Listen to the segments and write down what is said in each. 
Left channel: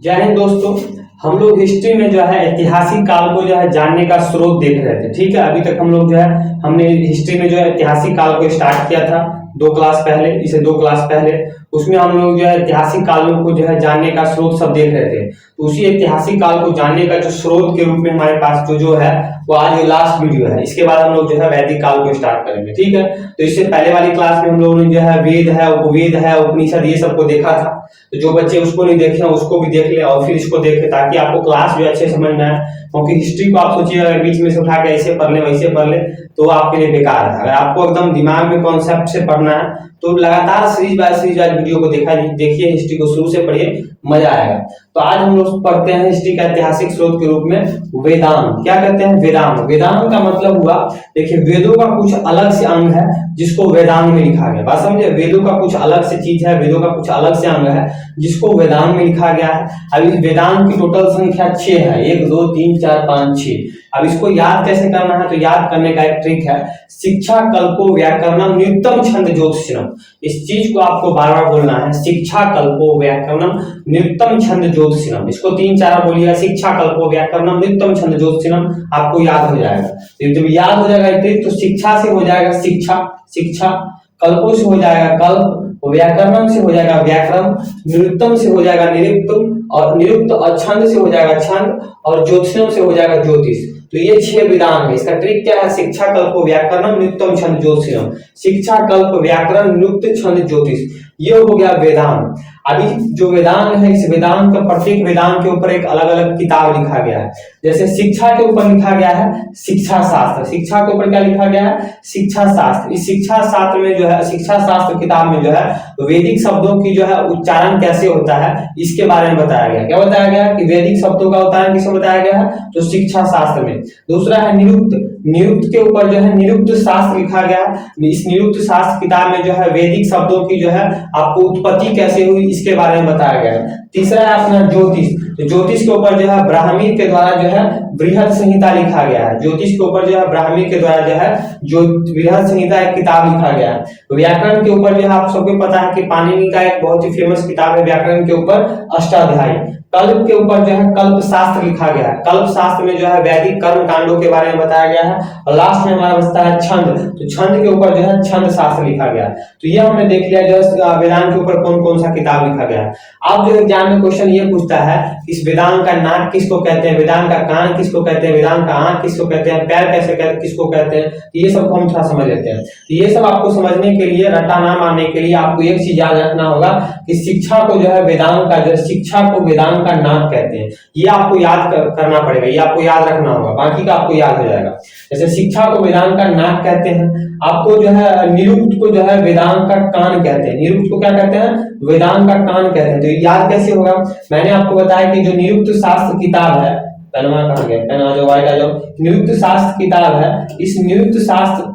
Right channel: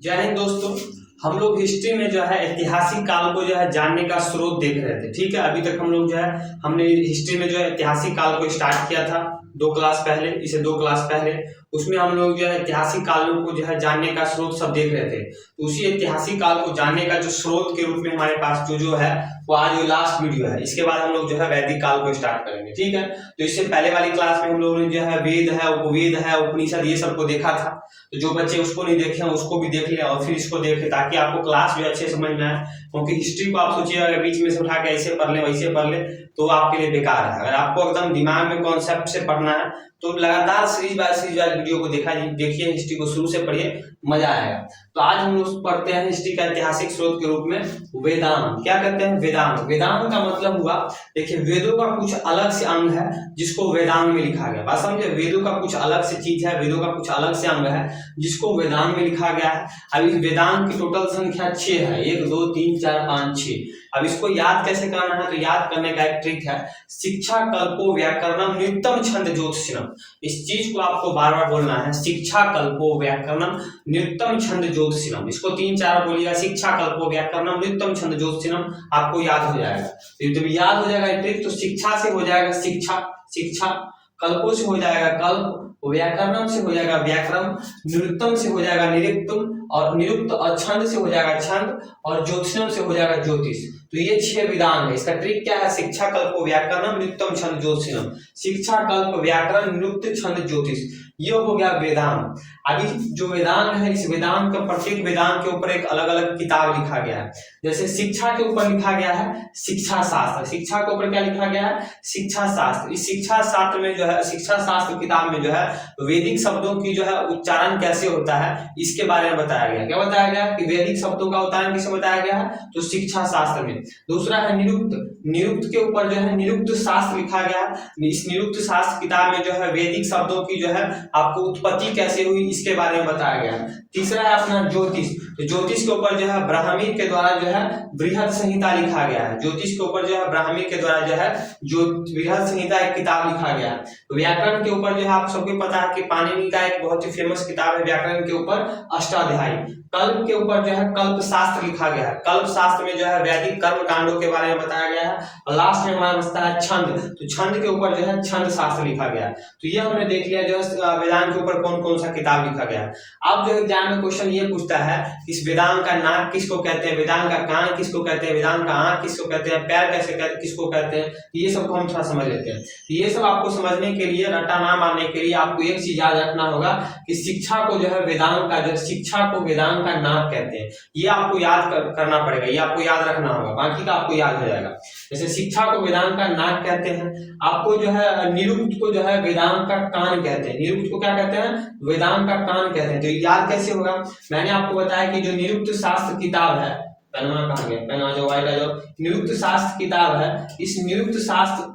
जय हिंद दोस्तों। हम लोग हिस्ट्री में जो है ऐतिहासिक काल को जो है जानने का स्रोत देख रहे थे। ठीक है, अभी तक हम लोग जो है हमने हिस्ट्री में जो है ऐतिहासिक काल को स्टार्ट किया था 2 क्लास पहले, इसे 2 क्लास पहले। उसमें हम लोग जो है ऐतिहासिक कालों को जो है जानने का स्रोत सब देख रहे थे। तो उसी ऐतिहासिक काल को जानने का जो स्रोत के रूप में हमारे पास जो है वो आज ये लास्ट वीडियो है। इसके बाद हम लोग जो है वैदिक काल को स्टार्ट करेंगे। ठीक है, तो इससे पहले वाली क्लास में हम लोगों ने जो है वेद है, उपवेद है, उपनिषद ये सबको देखा था। तो जो बच्चे उसको नहीं देखे हैं उसको भी देख ले और फिर इसको देखे, ताकि आपको क्लास जो अच्छे समझ में आए। क्योंकि हिस्ट्री को आप सोचिएगा बीच में से उठा के ऐसे पढ़ ले वैसे पढ़ ले तो आपके लिए बेकार है। अगर आपको एकदम दिमाग में कॉन्सेप्ट से पढ़ना है तो लगातार सीरीज बाय सीरीज वीडियो को देखिए, हिस्ट्री को शुरू से पढ़िए, मजा आएगा। तो आज हम लोग पढ़ते हैं हिस्ट्री का ऐतिहासिक स्रोत के रूप में वेदांत। क्या कहते हैं? वेदांत। वेदांत का मतलब हुआ, देखिए वेदों का कुछ अलग से अंग है जिसको वेदांत में लिखा गया। बात समझे? वेदों का कुछ अलग से चीज है, वेदों का कुछ अलग से अंग है जिसको वेदांत में लिखा गया है। अब इस वेदांत की टोटल संख्या 6 है, 1 2 3 4 5 6। अब इसको याद कैसे करना है? तो याद करने का एक ट्रिक है, शिक्षा कल्पो व्याकरणम निरुक्तम छंद ज्योतिषम। इस चीज को आपको बार बार बोलना है, शिक्षा कल्पो व्याकरणम निरुक्तम छंद ज्योतिषम। इसको 3 4 बार बोलिएगा, शिक्षा कल्पो व्याकरणम निरुक्तम छंद ज्योतिषम, आपको याद हो जाएगा। तो जब याद हो जाएगा ट्रिक तो शिक्षा से हो जाएगा शिक्षा, शिक्षा कल्पों से हो जाएगा कल्प, व्याकरणम से हो जाएगा व्याकरण, निरुक्तम से हो जाएगा निरुक्तम, और निरुक्त और छंद से हो जाएगा छंद, और ज्योतिषम से हो जाएगा ज्योतिष। तो ये 6 वेदांग है। इसका ट्रिक क्या है? शिक्षा कल्प व्याकरणम निरुक्तम छंद ज्योतिषम। शिक्षा कल्प व्याकरण निरुक्त छंद ज्योतिष, ये हो गया वेदांग। अभी जो वेदांग है, इस वेदांग का प्रत्येक वेदांग के ऊपर एक अलग अलग किताब लिखा गया है। जैसे शिक्षा के ऊपर लिखा गया है शिक्षा शास्त्र। शिक्षा के ऊपर क्या लिखा गया है? शिक्षा शास्त्र। इस शिक्षा शास्त्र में जो है, शिक्षा शास्त्र किताब में जो है वैदिक शब्दों की जो है उच्चारण कैसे होता है इसके बारे में बताया गया। क्या बताया गया? कि वैदिक शब्दों का उच्चारण किसमें बताया गया है? तो शिक्षा शास्त्र में। दूसरा है निरुक्त। निरुक्त के ऊपर जो है निरुक्त शास्त्र लिखा गया। इस निरुक्त शास्त्र किताब में जो है वैदिक शब्दों की जो है आपको उत्पत्ति कैसे हुई इसके बारे में बताया गया है। तीसरा है अपना ज्योतिष। तो ज्योतिष के ऊपर जो है ब्राह्मी के द्वारा जो है बृहद संहिता लिखा गया है। ज्योतिष के ऊपर जो है ब्राह्मी के द्वारा जो है जो बृहद संहिता एक किताब लिखा गया है। तो व्याकरण के ऊपर जो है आप सबको पता है कि पाणिनि का एक बहुत ही फेमस किताब है व्याकरण के ऊपर, अष्टाध्यायी। कल्प के ऊपर जो है कल्प शास्त्र लिखा गया है। कल्प शास्त्र में जो है वैदिक कर्म कांडों के बारे में बताया गया है। और लास्ट में हमारा बचता है छंद। तो छंद के ऊपर जो है छंद शास्त्र लिखा गया है। तो ये हमने देख लिया जो है वेदांत के ऊपर कौन कौन सा किताब लिखा गया है। अब जो एग्जाम में क्वेश्चन ये पूछता है इस वेदांत का नाक किसको कहते हैं, वेदांत का कान किसको कहते हैं, वेदांत का आंख किसको कहते हैं, पैर किसको कहते हैं, ये सब हम थोड़ा समझ लेते हैं। ये सब आपको समझने के लिए, रट्टा ना मारने के लिए आपको एक चीज याद रखना होगा कि शिक्षा को जो है वेदांत का जो शिक्षा को वेदांत का नाक कहते हैं। ये आपको याद करना पड़ेगा, ये आपको याद रखना होगा, बाकी का आपको याद हो जाएगा। जैसे शिक्षा को वेदांत का नाक कहते हैं, आपको जो है निरुक्त को जो है वेदांत का कान कहते हैं। निरुक्त को क्या कहते हैं? वेदांत का कान कहते हैं। तो याद कैसे होगा? मैंने आपको बताया कि जो निरुक्त शास्त्र किताब है, पेनवा कहाँ गया? पेनवा जो वाइट जो निरुक्त शास्त्र किताब है, इस निरुक्त शास्त्र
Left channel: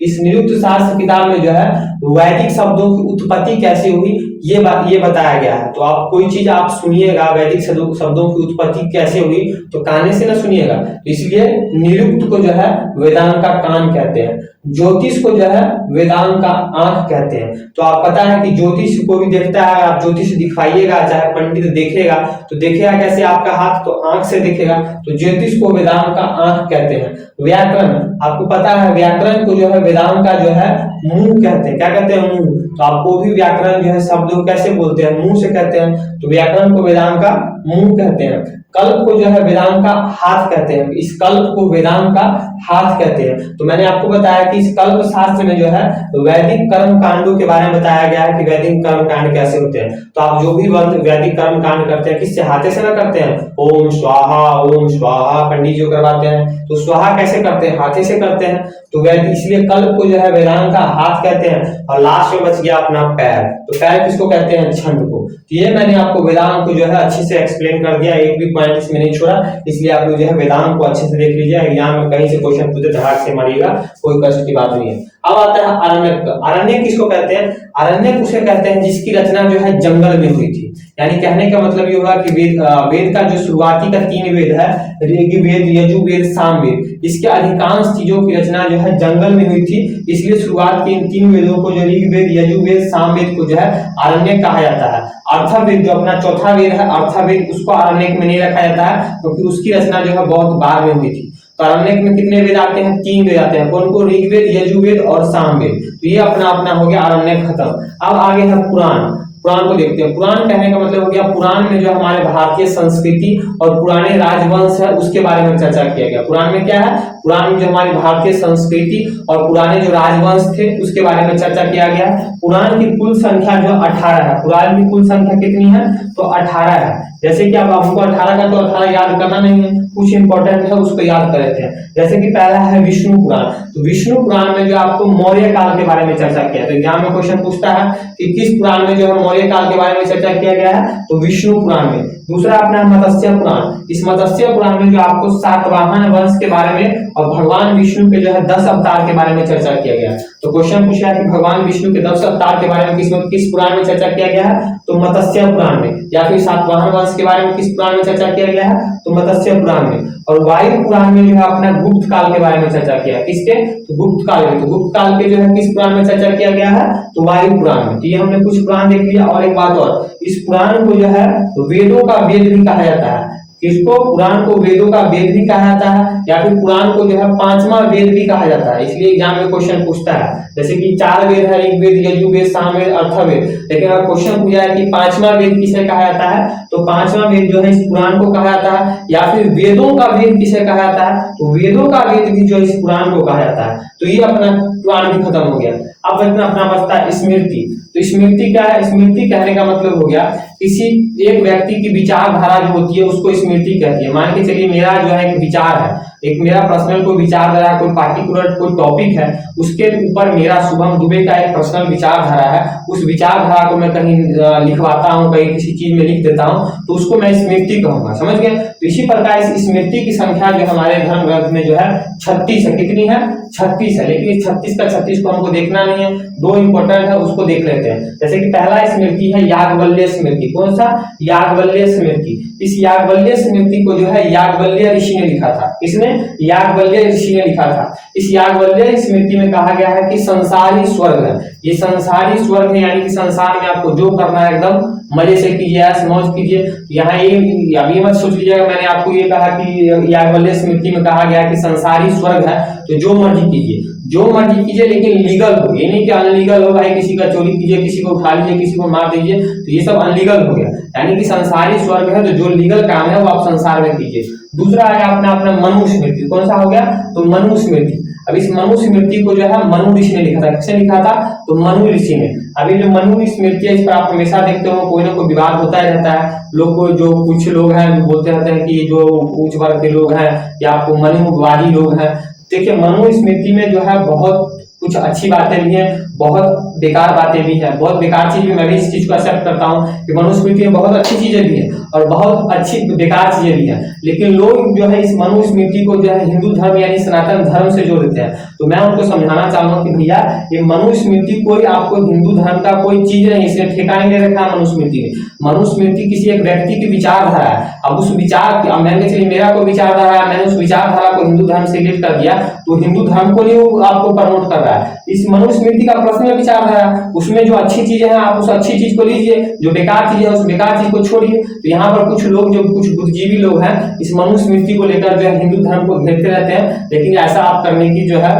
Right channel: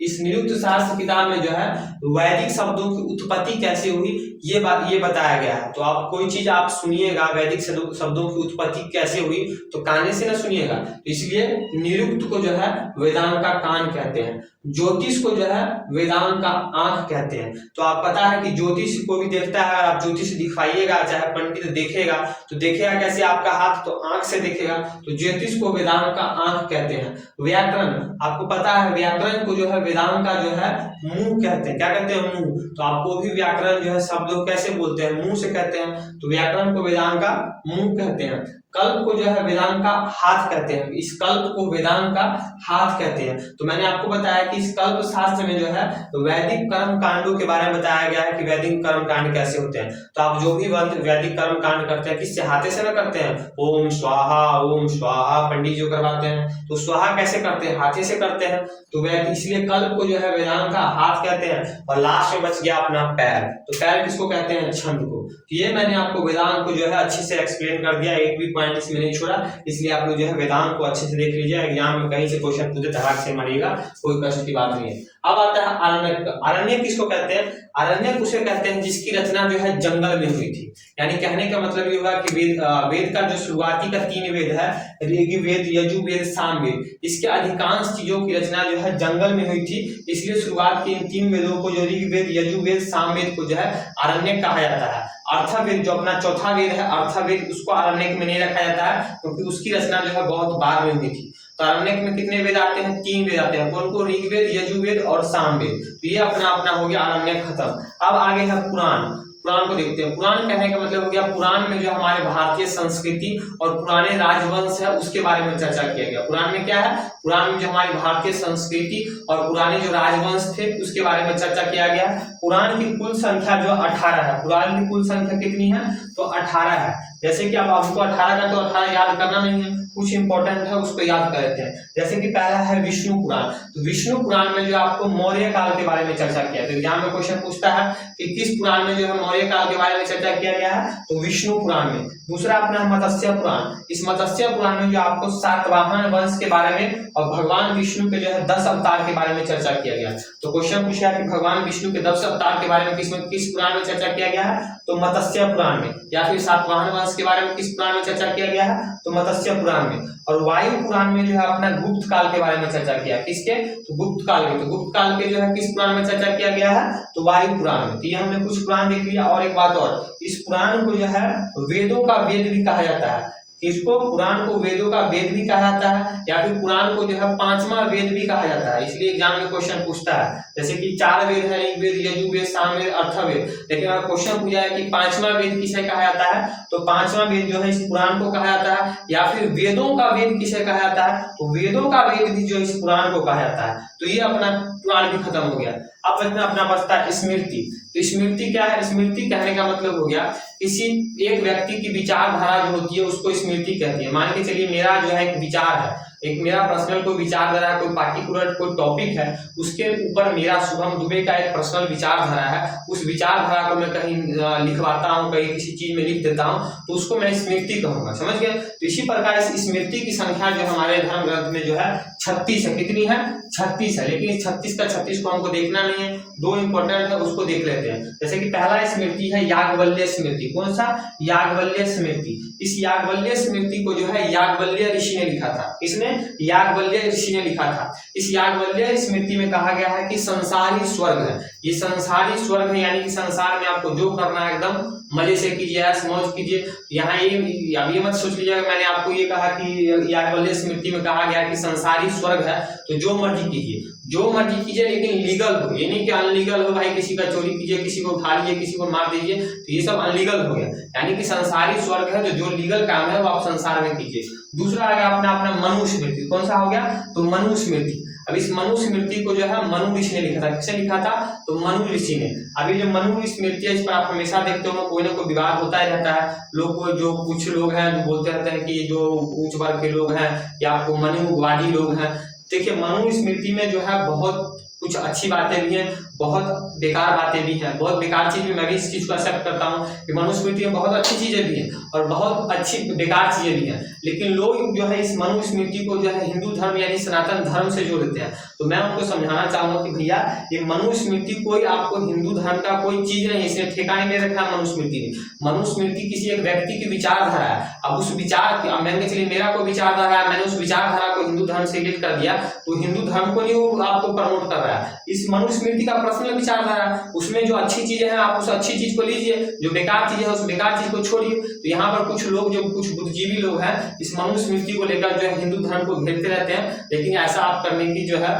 इस निरुक्त शास्त्र किताब में जो है वैदिक शब्दों की उत्पत्ति कैसे हुई ये बताया गया है। तो आप कोई चीज आप सुनिएगा वैदिक शब्दों की उत्पत्ति कैसे हुई तो काने से ना सुनिएगा। तो इसलिए निरुक्त को जो है वेदांत का कान कहते हैं। ज्योतिष को जो है वेदांत का आंख कहते हैं। तो आप पता है कि ज्योतिष को भी देखता है, आप ज्योतिष दिखाइएगा, चाहे पंडित देखेगा तो देखेगा कैसे? आपका हाथ तो आंख से देखेगा। तो ज्योतिष को वेदांत का आंख कहते हैं। व्याकरण, आपको पता है व्याकरण को जो है वेदांत का जो है मुंह कहते हैं। क्या कहते हैं? मुंह। तो आपको भी व्याकरण जो है शब्द कैसे बोलते हैं? मुंह से कहते हैं। तो व्याकरण को वेदांत का मुंह कहते हैं। कल्प को जो है वेदांत का हाथ कहते हैं। इस कल्प को वेदांत का हाथ कहते हैं। तो मैंने आपको बताया कि इस कल्प शास्त्र में जो है वैदिक कर्म कांडों के बारे में बताया गया है कि वैदिक कर्म कांड कैसे होते हैं। तो आप जो भी वैदिक कर्म कांड करते हैं किससे? हाथे से ना करते हैं। ओम स्वाहा पंडित जो करवाते हैं। तो स्वाहा कैसे करते हैं? हाथे से करते हैं। तो वैदिक, इसलिए कल्प को जो है वेदांत का हाथ कहते हैं। और लास्ट में बच गया अपना पैर। तो पैर किसको कहते हैं? छंद को। तो ये मैंने आपको वेदांत को जो है अच्छे से एक्सप्लेन कर दिया, एक भी पॉइंट इसमें नहीं छोड़ा। इसलिए आप लोग जो है वेदांत को अच्छे से देख लीजिए, एग्जाम में कहीं से क्वेश्चन पूछे धड़ाक से मारिएगा, कोई कष्ट की बात नहीं है। अब आता है आरण्यक। आरण्यक किसको कहते हैं? आरण्यक उसे कहते हैं जिसकी रचना जो है जंगल में हुई थी। यानी कहने का मतलब ये होगा कि वेद का जो शुरुआती का 3 वेद है, ऋग्वेद, यजुर्वेद, सामवेद, इसके अधिकांश चीजों की रचना जो है जंगल में हुई थी। इसलिए शुरुआत के इन 3 वेदों को, जो ऋग्वेद, यजुर्वेद, सामवेद को जो है आरण्यक कहा जाता है। अर्थवेद जो अपना चौथा वेद है, अर्थवेद, उसको आरण्यक में नहीं रखा जाता है क्योंकि उसकी रचना जो है बहुत बाद में हुई थी। तो आरण्यक में कितने वेद आते हैं? 3 वेद आते हैं। कौन कौन? ऋग्वेद, यजुर्वेद और सामवेद। तो ये अपना अपना हो गया आरण्यक खत्म। अब आगे है पुराण। पुराण को देखते हैं। पुराण कहने का मतलब हो गया, पुराण में जो हमारे भारतीय संस्कृति और पुराने राजवंश है उसके बारे में चर्चा किया गया। पुराण में क्या है? पुराण में जो हमारी भारतीय संस्कृति और पुराने जो राजवंश थे उसके बारे में चर्चा किया गया। पुराण की कुल संख्या जो 18 है। पुराण की कुल संख्या कितनी है? तो 18 है। जैसे कि अब हमको 18 का तो 18 याद करना नहीं है, कुछ इंपॉर्टेंट है उसको याद कर लेते हैं। जैसे कि पहला है विष्णु पुराण। तो विष्णु पुराण में जो आपको मौर्य काल के बारे में चर्चा किया, तो एग्जाम में क्वेश्चन पूछता है कि किस पुराण में जो है मौर्य काल के बारे में चर्चा किया गया है? तो विष्णु पुराण में। दूसरा अपना है मत्स्य पुराण। इस मत्स्य पुराण में जो आपको सातवाहन वंश के बारे में और भगवान विष्णु के जो है 10 अवतार के बारे में चर्चा किया गया। तो क्वेश्चन पूछा है कि भगवान विष्णु के 10 अवतार के बारे में किस पुराण में चर्चा किया गया है? तो मत्स्य पुराण में। या फिर सातवाहन वंश के बारे में किस पुराण में चर्चा किया गया है? तो मत्स्य पुराण में। और वायु पुराण में जो है अपना गुप्त काल के बारे में चर्चा किया है। किसके? तो गुप्त काल में। तो गुप्त काल के जो है किस पुराण में चर्चा किया गया है? तो वायु पुराण में। तो ये हमने कुछ पुराण देख लिया। और एक बात और, इस पुराण को जो है वेदों का वेद भी कहा जाता है। किसको? पुराण को वेदों का वेद भी कहा जाता है, या फिर पुराण को जो है 5वां वेद भी कहा जाता है। इसलिए एग्जाम में क्वेश्चन पूछता है, जैसे कि 4 वेद है, ऋग्वेद, यजुर्वेद, सामवेद, अर्थवेद। लेकिन अगर क्वेश्चन पूछा है कि 5वां वेद किसे कहा जाता है, तो 5वां वेद जो है इस पुराण को कहा जाता है। या फिर वेदों का वेद किसे कहा जाता है? तो वेदों का वेद भी जो इस पुराण को कहा जाता है। तो ये अपना पुराण भी खत्म हो गया। अब अपना बचता है स्मृति। तो स्मृति क्या है? स्मृति कहने का मतलब हो गया किसी एक व्यक्ति की विचारधारा जो होती है उसको स्मृति कहती है। मान के चलिए मेरा जो है एक विचार है, एक मेरा पर्सनल कोई विचारधारा, कोई पार्टिकुलर कोई टॉपिक है, उसके ऊपर मेरा शुभम दुबे का एक पर्सनल विचारधारा है। उस विचारधारा को मैं कहीं लिखवाता हूँ, कहीं किसी चीज में लिख देता हूँ, तो उसको मैं स्मृति कहूंगा। समझ गए? तो इसी प्रकार इस स्मृति की संख्या जो हमारे धर्म ग्रंथ में जो है 36 है। कितनी है? 36 है। लेकिन इस 36 का 36 को हमको देखना नहीं है, 2 इंपॉर्टेंट है उसको देख लेते हैं। जैसे कि पहला स्मृति है याज्ञवल्क्य स्मृति। कौन सा? याज्ञवल्क्य स्मृति। इस याज्ञवल्क्य स्मृति को जो है याज्ञवल्क्य ऋषि ने लिखा था। किसने? याज्ञवल्क्य ऋषि ने लिखा था। इस याज्ञवल्क्य स्मृति में कहा गया है कि संसार ही स्वर्ग है। ये संसार ही स्वर्ग है, यानी कि संसार में आपको जो करना है एकदम मजे से कीजिए, ऐश मौज कीजिए। यहाँ ये अभी मत सोच लीजिएगा मैंने आपको ये कहा कि याज्ञवल्क्य स्मृति में कहा गया कि संसार ही स्वर्ग है तो जो मर्जी कीजिए, जो मर्जी कीजिए, लेकिन लीगल हो। ये नहीं कि अनलीगल हो, भाई किसी का चोरी कीजिए, किसी को उठा लीजिए, किसी को मार दीजिए, तो ये सब अनलीगल हो गया। यानी कि संसार ही स्वर्ग है, तो जो लीगल काम है वो आप संसार में कीजिए। दूसरा आया अपना मनुस्मृति। कौन सा हो गया? तो मनुस्मृति। अब इस मनुस्मृति को जो है मनु ऋषि ने लिखा था। किसने लिखा था? तो मनु ऋषि ने। अभी जो मनु स्मृति है इस पर आप हमेशा देखते हो कोई ना कोई विवाद होता ही रहता है। लोग को जो कुछ लोग हैं जो बोलते रहते हैं कि जो उच्च वर्ग के लोग हैं या आपको मनुवादी लोग हैं। देखिए मनु स्मृति में जो है बहुत कुछ अच्छी बातें भी हैं, बहुत बेकार बातें भी हैं। बहुत बेकार चीज भी, मैं भी इस चीज को एक्सेप्ट करता हूँ कि मनुस्मृति में बहुत अच्छी चीजें भी हैं और बहुत अच्छी बेकार चीजें भी हैं। लेकिन लोग जो है इस मनुस्मृति को जो है हिंदू धर्म यानी सनातन धर्म से जोड़ देते हैं। तो मैं उनको समझाना चाहता हूँ कि भैया ये मनुस्मृति कोई आपको हिंदू धर्म का कोई चीज नहीं, इसने ठेका नहीं ले रखा है मनुस्मृति ने। मनुस्मृति किसी एक व्यक्ति की विचारधारा है। अब उस विचार, अब मैंने चलिए मेरा कोई विचारधारा है, मैंने उस विचारधारा को हिंदू धर्म से रिलेट कर दिया, तो हिंदू धर्म को नहीं वो आपको प्रमोट कर रहा है। इस मनुस्मृति का पर्सनल विचारधारा, उसमें जो अच्छी चीजें हैं आप उस अच्छी चीज को लीजिए, जो बेकार चीज है उस बेकार चीज को छोड़िए। तो यहाँ पर कुछ लोग, जो कुछ बुद्धिजीवी लोग हैं, इस मनुस्मृति को लेकर जो है हिंदू धर्म को घेरते रहते हैं। लेकिन ऐसा आप करने की जो है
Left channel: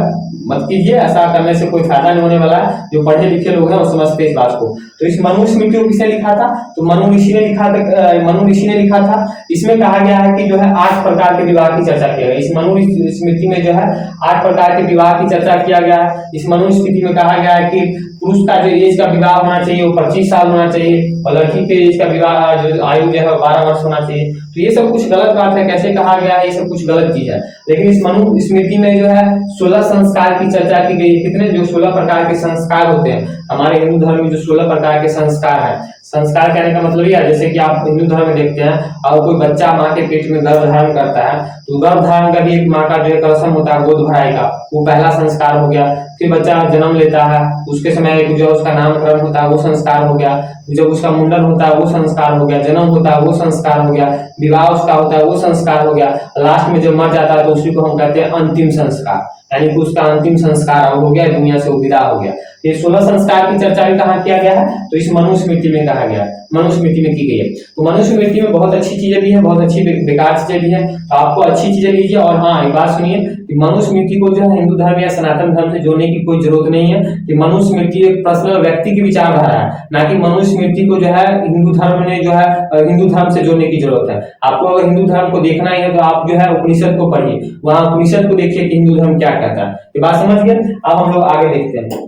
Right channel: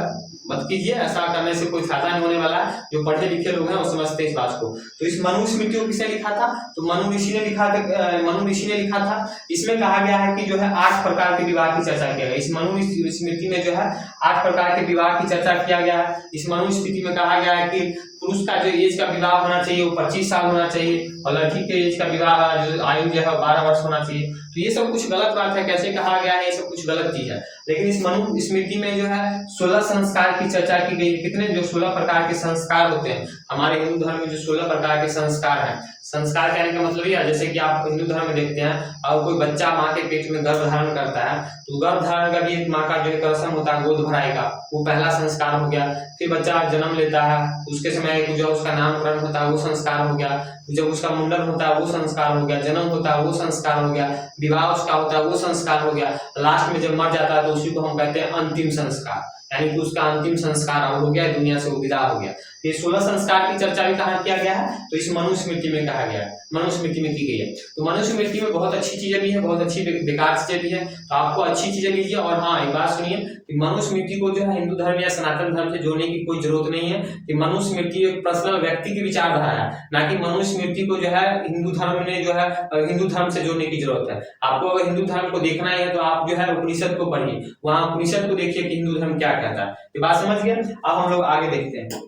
मत कीजिए, ऐसा करने से कोई फायदा नहीं होने वाला है। जो पढ़े लिखे लोग हैं वो समझते हैं इस बात को। तो इस मनुस्मृति को किसने लिखा था? तो मनु ऋषि ने लिखा था। मनु ऋषि ने लिखा था। इसमें कहा गया है कि जो है 8 प्रकार के विवाह की चर्चा किया गया। इस मनु स्मृति में जो है 8 प्रकार के विवाह की चर्चा किया गया है। इस मनुस्मृति में कहा गया है कि पुरुष का जो एज का विवाह होना चाहिए वो 25 साल होना चाहिए और लड़की के एज का विवाह जो आयु जो है 12 वर्ष होना चाहिए। तो ये सब कुछ गलत बात है। कैसे कहा गया है? ये सब कुछ गलत चीज है। लेकिन इस मनु स्मृति में जो है 16 संस्कार की चर्चा की गई है। कितने? जो 16 प्रकार के संस्कार होते हैं। हमारे हिंदू धर्म में जो 16 प्रकार के संस्कार है, संस्कार कहने का मतलब यह है, जैसे कि आप हिंदू धर्म में देखते हैं और कोई बच्चा माँ के पेट में गर्भ धारण करता है तो गर्भ धारण का भी एक माँ का जो है रस्म होता है गोद भराई का, वो पहला संस्कार हो गया। फिर बच्चा जन्म लेता है उसके समय जो उसका नामकरण होता है वो संस्कार हो गया, जब उसका मुंडन होता है वो संस्कार हो गया, जन्म होता है वो संस्कार हो गया, विवाह उसका होता है वो संस्कार हो गया, लास्ट में जब मर जाता है तो उसी को हम कहते हैं अंतिम संस्कार, यानी कि उसका अंतिम संस्कार हो गया, दुनिया से विदा हो गया। ये 16 संस्कार की चर्चा भी कहाँ किया गया है, तो इस मनुस्मृति में कहा गया है, मनुस्मृति में की गई है। तो मनुस्मृति में बहुत अच्छी चीजें भी हैं, बहुत अच्छी बेकार चीजें भी हैं, तो आपको अच्छी चीजें लीजिए। और हाँ एक बात सुनिए कि मनुस्मृति को जो है हिंदू धर्म या सनातन धर्म से जोड़ने की कोई जरूरत नहीं है, कि मनुस्मृति एक पर्सनल व्यक्ति की विचारधारा है, ना कि मनुस्मृति को जो है हिंदू धर्म ने जो है हिंदू धर्म से जोड़ने की जरूरत है। आपको अगर हिंदू धर्म को देखना ही है तो आप जो है उपनिषद को पढ़िए, वहां उपनिषद को देखिए कि हिंदू धर्म क्या कहता है। ये बात समझ गए। अब हम लोग आगे देखते हैं,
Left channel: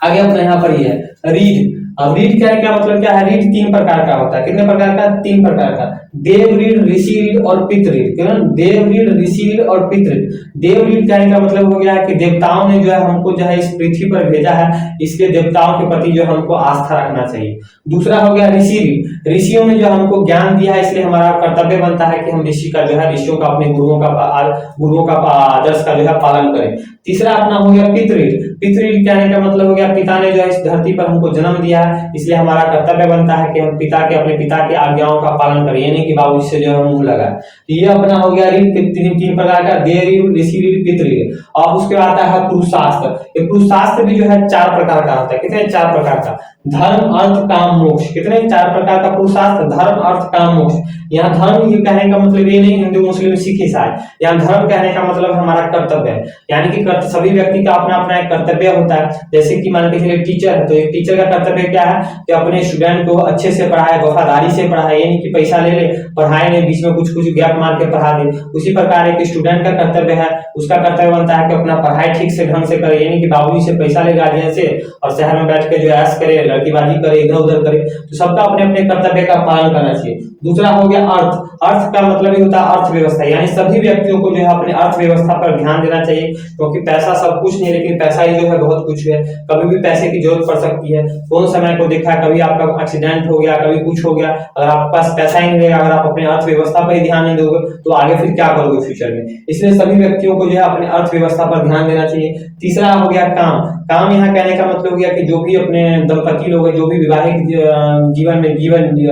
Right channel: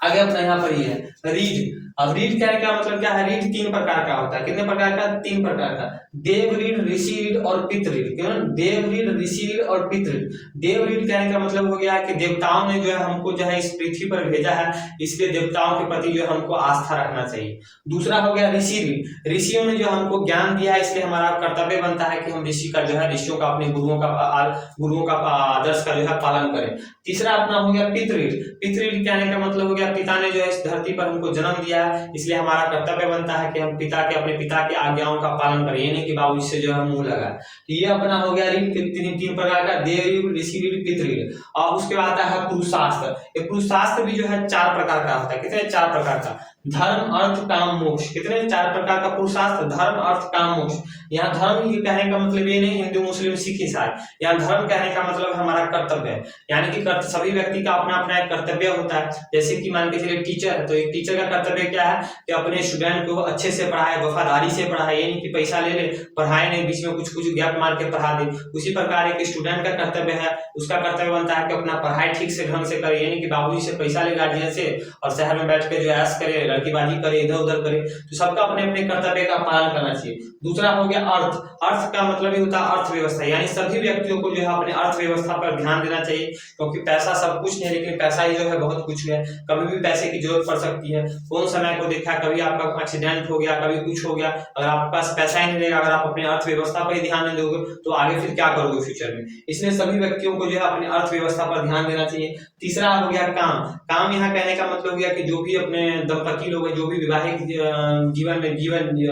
आगे अपने यहाँ पर ही है रीड। अब रीड कहने का मतलब क्या है, रीड 3 प्रकार का होता है। कितने प्रकार का, 3 प्रकार का, देव रीड, ऋषि रीड और पितृ रीड। क्यों, देव रीड, ऋषि रीड और पितृ रीड। देव रीड कहने का मतलब हो गया है कि देवताओं ने जो है हमको जो है इस पृथ्वी पर भेजा है, इसलिए देवताओं के प्रति जो हमको आस्था रखना चाहिए। दूसरा हो गया ऋषि रीड, ऋषियों ने जो हमको ज्ञान दिया है इसलिए हमारा कर्तव्य बनता है कि हम ऋषि का जो है ऋषियों का अपने गुरुओं का आदर्श का जो है पालन करें। तीसरा अपना हो गया पितृ रीड। पितृ रीड कहने का मतलब हो गया पिता ने जो है इस धरती पर हमको जन्म दिया है इसलिए हमारा कर्तव्य बनता है कि हम अपने पिता की आज्ञाओं का पालन करें, यानी कि बाबूजी से जो है मुंह लगा। तो ये अपना हो गया रीड 3 प्रकार का, देव रीड, ऋषि रीड, पितृ रीड। और उसके बाद आता है पुरुषास्त्र। ये पुरुषास्त्र भी जो है 4 प्रकार का होता है। कितने, 4 प्रकार का, धर्म अर्थ काम मोक्ष। कितने, 4 प्रकार का पुरुषास्त्र, धर्म अर्थ काम मोक्ष। यहाँ धर्म ये कहने का मतलब ये नहीं हिंदू मुस्लिम सिख ईसाई, यहाँ धर्म कहने का मतलब हमारा कर्तव्य है, यानी कि सभी व्यक्ति का अपना अपना एक कर्तव्य होता है। जैसे कि मान के चलिए टीचर है तो एक टीचर का कर्तव्य क्या है कि अपने स्टूडेंट को अच्छे से पढ़ाए, वफादारी से पढ़ाए, यानी कि पैसा ले ले पढ़ाए नहीं, बीच में कुछ गैप मार के पढ़ा दे। उसी प्रकार एक स्टूडेंट का कर्तव्य है, उसका कर्तव्य बनता है कि अपना पढ़ाई ठीक से ढंग से करे, यानी कि बाबूजी से पैसा ले गार्जियन से और शहर में बैठ के जो ऐश करे, लड़कीबाजी करे, इधर उधर करे। तो सबका अपने अपने कर्तव्य का पालन करना चाहिए। दूसरा हो गया अर्थ। अर्थ का मतलब ही होता है अर्थव्यवस्था, यानी सभी व्यक्तियों को जो है अपने अर्थव्यवस्था पर ध्यान देना चाहिए, क्योंकि पैसा सब कुछ नहीं, लेकिन पैसा ही जो है बहुत कुछ है। कभी भी पैसे की जरूरत पड़ सकती है। कौन समय को देखा, कभी आपका एक्सीडेंट हो गया, कभी कुछ हो गया, अगर आपके पास पैसा ही नहीं रहेगा, अगर आप अपने अर्थव्यवस्था पर ही ध्यान नहीं दोगे तो आगे फिर क्या करोगे फ्यूचर में। इसलिए सभी व्यक्तियों को जो है अपने अर्थव्यवस्था पर ध्यान देना चाहिए। तीसरा हो गया काम। काम यहाँ कहने का मतलब हो गया कि जो भी अपने दंपति लोग हैं, जो भी विवाहिक जीवन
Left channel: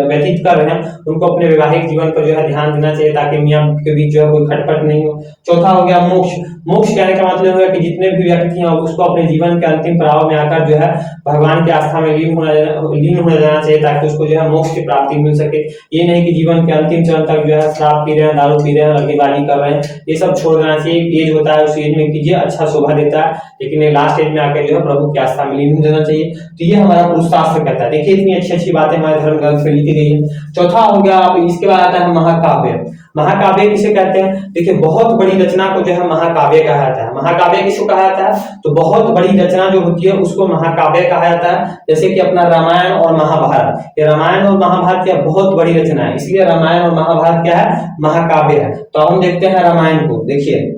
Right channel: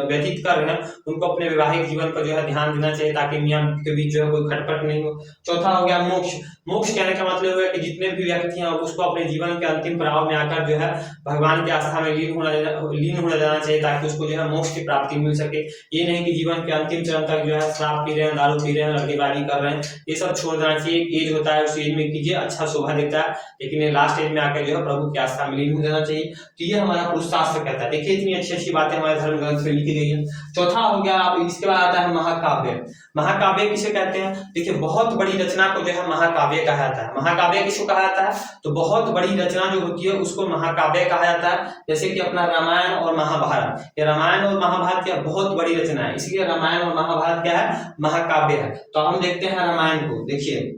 व्यतीत कर रहे हैं, उनको अपने वैवाहिक जीवन पर जो है ध्यान देना चाहिए ताकि मियां के बीच जो है कोई खटपट नहीं हो। चौथा हो गया मोक्ष। मोक्ष कहने का मतलब है कि जितने भी व्यक्ति हैं उसको अपने जीवन के अंतिम पड़ाव में आकर जो है भगवान की आस्था में लीन होने जाना चाहिए ताकि उसको जो है मोक्ष की प्राप्ति मिल सके। ये नहीं कि जीवन के अंतिम चरण तक जो है शराब पी रहे हैं, दारू पी रहे हैं, लड़कीबाजी कर रहे हैं, ये सब छोड़ देना चाहिए। एज होता है उस एज में कीजिए, अच्छा शोभा देता है, लेकिन लास्ट एज में आकर जो है प्रभु की आस्था में लीन हो जाना चाहिए। तो ये हमारा पुरुषास्त्र कहता है। देखिए इतनी अच्छी अच्छी बातें हमारे धर्म ग्रंथ में लिखी गई है। चौथा हो गया, आप इसके बाद आता है महाकाव्य। महाकाव्य किसे कहते हैं, देखिए बहुत बड़ी रचना को जो है महाकाव्य कहा जाता है। महाकाव्य किसको कहा जाता है, तो बहुत बड़ी रचना जो होती है उसको महाकाव्य कहा जाता है। जैसे कि अपना रामायण और महाभारत, ये रामायण और महाभारत क्या बहुत बड़ी रचना है, इसलिए रामायण और महाभारत क्या है, महाकाव्य है। तो हम देखते हैं रामायण को। देखिए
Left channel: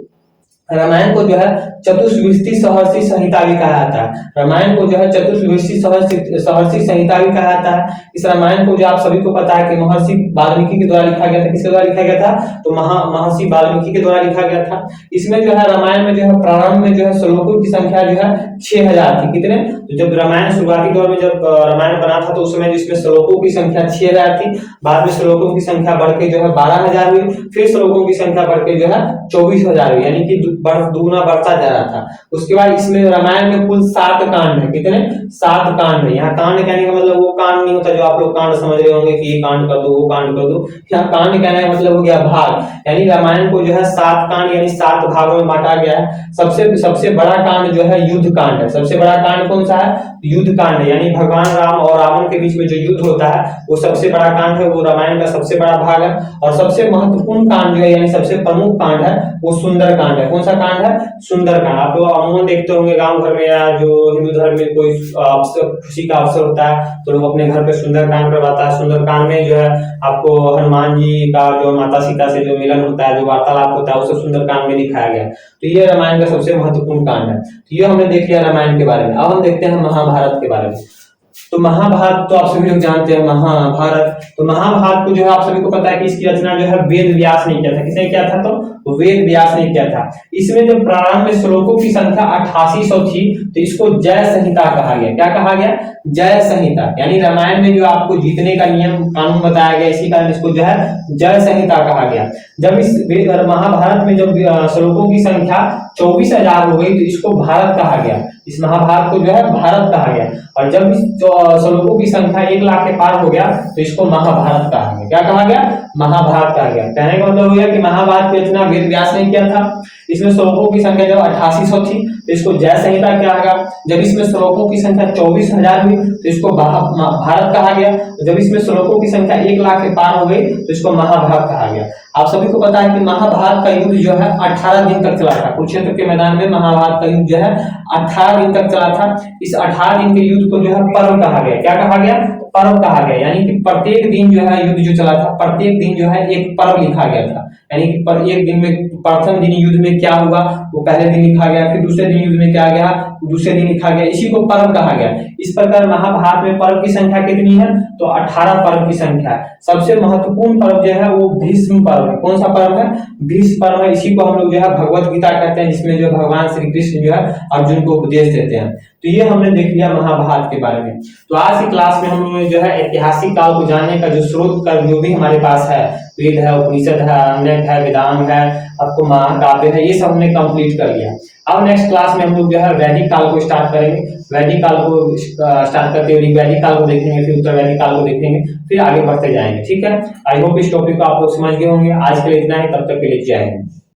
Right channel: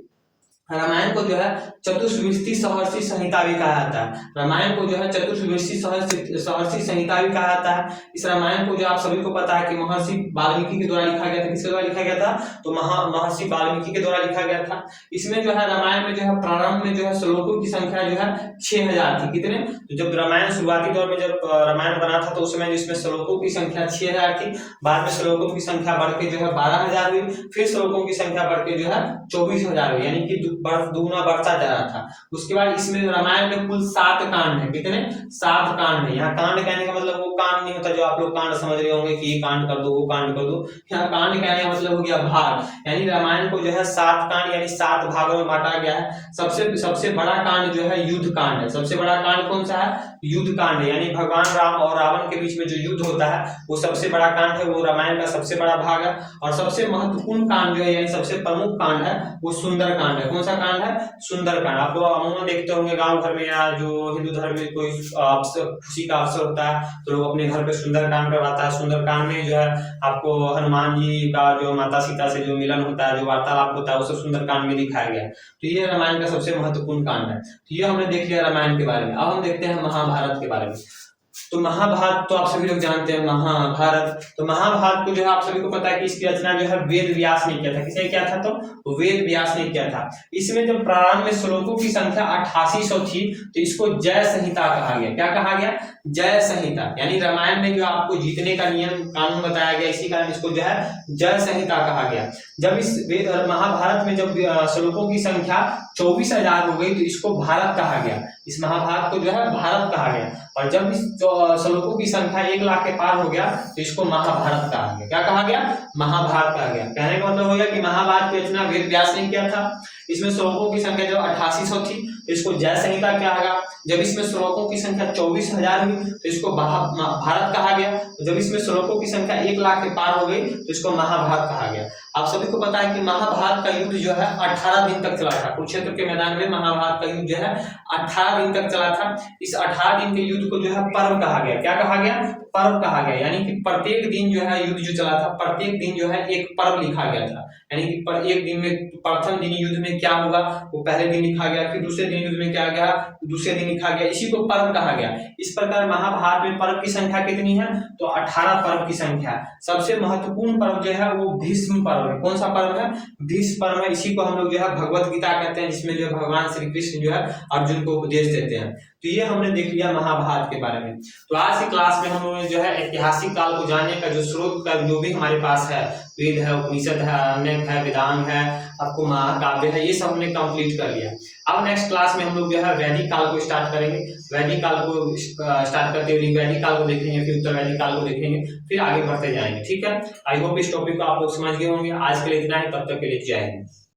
रामायण को जो है चतुर्विंशति सहर्षि संहिता भी कहा जाता है। रामायण को जो है चतुर्विंशति सहर्षि संहिता भी कहा जाता है। इस रामायण को जो आप सभी को पता है कि महर्षि वाल्मीकि के द्वारा लिखा गया था। किसके द्वारा लिखा गया था, तो महर्षि वाल्मीकि के द्वारा लिखा गया था। इसमें जो है रामायण में जो है प्रारंभ में जो है श्लोकों की संख्या जो है 6000 थी। कितने, तो जब रामायण शुरुआती दौर में जब रामायण बना था तो उस समय जिसमें श्लोकों की संख्या 6000 थी, बाद में श्लोकों की संख्या बढ़ के जो है 12000 हुई, फिर श्लोकों की संख्या बढ़ के जो है 24000 हुई, यानी कि दुगुना बढ़ता जा रहा था। उसके बाद इसमें रामायण में कुल 7 कांड है। कितने, 7 कांड है। यहाँ कांड कहने का मतलब वो कांड नहीं होता जो आप लोग कांड समझ रहे होंगे कि ये कांड कर दो वो कांड कर दो। यहाँ कांड कहने का मतलब हो गया भाग, यानी रामायण को जो है 7 कांड यानी 7 भागों में बांटा गया है। सबसे बड़ा कांड जो है युद्ध कांड है। सबसे बड़ा कांड कौन सा है, युद्ध कांड है, यानी भगवान राम और रावण के बीच में जो युद्ध होता है वो सबसे बड़ा कांड है, वो रामायण का सबसे बड़ा भाग है। और सबसे महत्वपूर्ण कांड जो है यानी सबसे प्रमुख कांड है वो सुंदर कांड है। कौन सा कांड है? सुंदरकांड। आप लोग अमूमन देखते होंगे गांव घर में, या जो हिंदू धर्म में कोई खुशी का अवसर होता है तो लोग अपने घर पे सुंदरकांड करवाता है। सुंदरकांड में जो है आपको हनुमान जी का जो माता सीता से जो मिलन होता है, जो वार्तालाप होता है, वो सब सुंदरकांड में दिखाया गया है। तो ये रामायण का सबसे महत्वपूर्ण कांड है। तो ये हमने देख लिया रामायण के बारे में। अब हम देखते हैं महाभारत के बारे में। तो महाभारत तो आप सभी लोग जानते हैं, महाभारत। तो महाभारत को जो है आप सभी को पता है कि इसकी रचना जो है वेद व्यास ने किया था। किसने किया था? तो वेद व्यास ने किया था। इसमें जब प्रारंभ में श्लोकों की संख्या 8800 थी तो इसको जय संहिता कहा गया। क्या कहा गया? जय संहिता। यानी रामायण में जो आपको जीतने का नियम कानून बताया गया, इसी कारण इसको जो है जय संहिता कहा गया। जब इस महाभारत में जब श्लोकों की संख्या 24,000 हो गई तो इसको भारत कहा गया। इस महाभारत को जो है भारत कहा गया। और जब इस श्लोकों की संख्या 1 लाख के पार हो गया तो इसको महाभारत कहा गया। क्या कहा गया? महाभारत कहा गया। कहने का मतलब हो गया कि महाभारत की रचना वेद व्यास ने किया था। इसमें श्लोकों की संख्या जब 8800 थी तो इसको जय संहिता कहा गया। जब इसमें श्लोकों की संख्या 24,000 हुई तो इसको भारत कहा गया। जब इसमें श्लोकों की संख्या 1 लाख के पार हो गई तो इसको महाभारत कहा गया। आप सभी को पता है कि महाभारत का युद्ध जो है 18 दिन तक चला था। कुरुक्षेत्र के मैदान में महाभारत का युद्ध जो है 18 दिन तक चला था। इस 18 दिन के युद्ध को जो है पर्व कहा गया। क्या कहा गया? पर्व कहा गया। यानी कि प्रत्येक दिन जो है युद्ध जो चला था, प्रत्येक दिन जो है एक पर्व लिखा गया था। यानी कि पर एक दिन में प्रथम दिन युद्ध में क्या हुआ वो पहले दिन लिखा गया, फिर दूसरे दिन युद्ध में क्या गया दूसरे दिन लिखा गया। इसी को पर्व कहा गया। इस प्रकार महाभारत में पर्व की संख्या कितनी है? तो 18 पर्व की संख्या है। सबसे महत्वपूर्ण पर्व जो है वो भीष्म पर्व है। कौन सा पर्व है? भीष्म पर्व है। इसी को हम लोग जो है भगवत गीता कहते हैं, जिसमें जो भगवान श्री कृष्ण जो है अर्जुन को उपदेश देते हैं। तो ये हमने देख लिया महाभारत के बारे में। तो आज की क्लास में हम लोगों ने जो है ऐतिहासिक काल को जानने का जो स्रोत का जो भी हमारे पास है, वेद है, उपनिषद है, अरण्यक है, वेदांग है, आपको महाकाव्य है, ये सब हमने कंप्लीट कर लिया। अब नेक्स्ट क्लास में हम लोग जो है वैदिक काल को स्टार्ट करेंगे। वैदिक काल को स्टार्ट करते हुए वैदिक काल को देखेंगे, फिर उत्तर वैदिक काल को देखेंगे, फिर आगे बढ़ते जाएंगे। ठीक है, आई होप इस टॉपिक को आप लोग समझ गए होंगे। आज के लिए इतना ही, तब तक के लिए जय हिंद।